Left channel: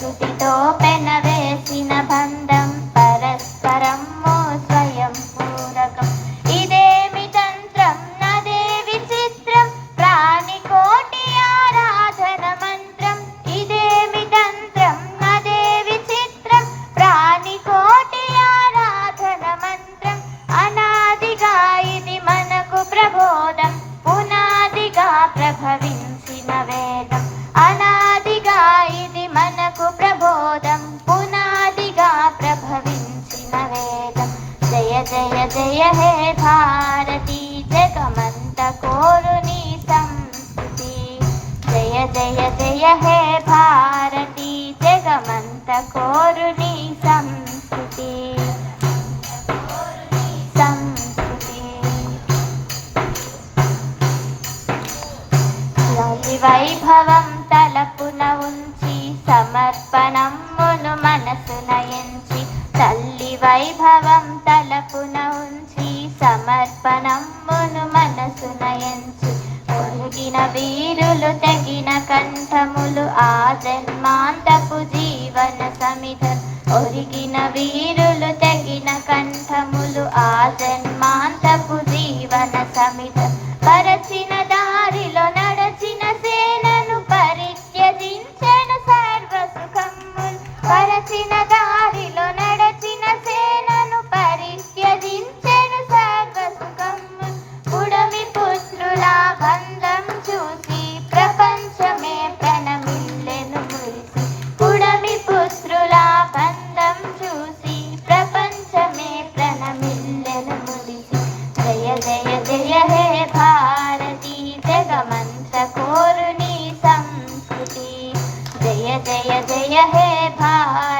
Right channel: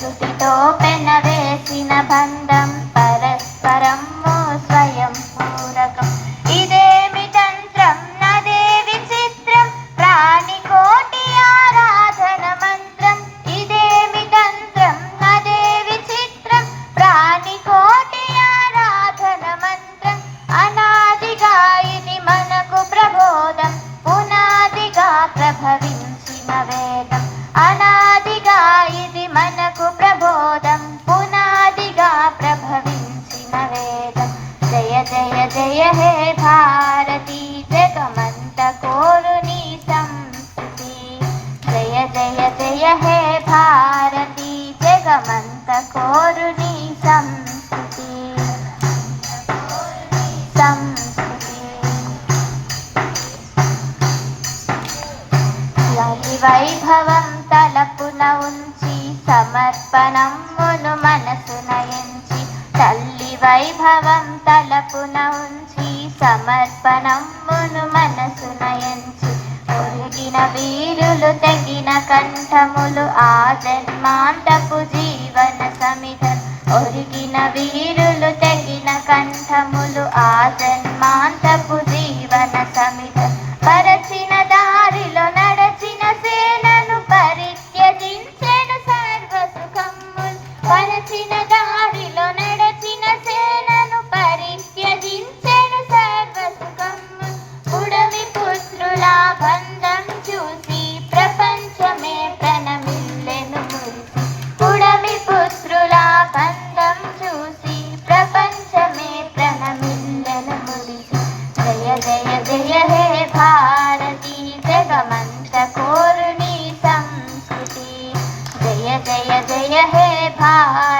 సంస్కృతితో పెనవేసిన బంధం పరస్పరం స్వయం పూరకం. ఇదేమి తంత్రం నదే విచిత్రం ప్రాణికోటి ఆరాధన మంత్రం. ఇదేమి తంత్రం నదే విచిత్రం ప్రాణికోటి ఆరాధన మంత్రం. అనాదిగా ఇది మనకు ప్రబోధం పునాదిగా ప్రభవించిన వేదం. అనాదిగా ఇది మనకు ప్రబోధం పునాదిగా ప్రభవించిన వేదం. జయ జయ జయ హే భారతి జగమంత కోరు నీ సంస్కృతి. జయ జయ జయ హే భారతి జగమంత కోరు నీ సంస్కృతి. వైభవం తలపున ఉంచి సమర్పణమును మనసున ఎంచి. తల్లి వైభవం తలపున ఉంచి సమర్పణమును మనసున ఎంచి. ఒరిగిన వీరులు తెగిన కంఠములు ఆ జన్మాంతపు జీవన సమిధం. ఒరిగిన వీరులు తెగిన కంఠములు ఆ జన్మాంతపు జీవన సమిధం. పరచిన దారిలో నడచిన సేనను పరిత్యజించెను సర్వ సుఖములు. పరచిన దారిలో నడచిన సేనను పరిత్యజించెను సర్వ సుఖములు. పుడమి పుత్రుల బంధం చూసి ప్రపంచమే ప్రణమిల్లెను మురిసి. పుడమి పుత్రుల బంధం చూసి ప్రపంచమే ప్రణమిల్లెను మురిసి. జయ జయ జయ హే భారతి జగమంత కోరు నీ సంస్కృతి. జయ జయ జయ హే భారతి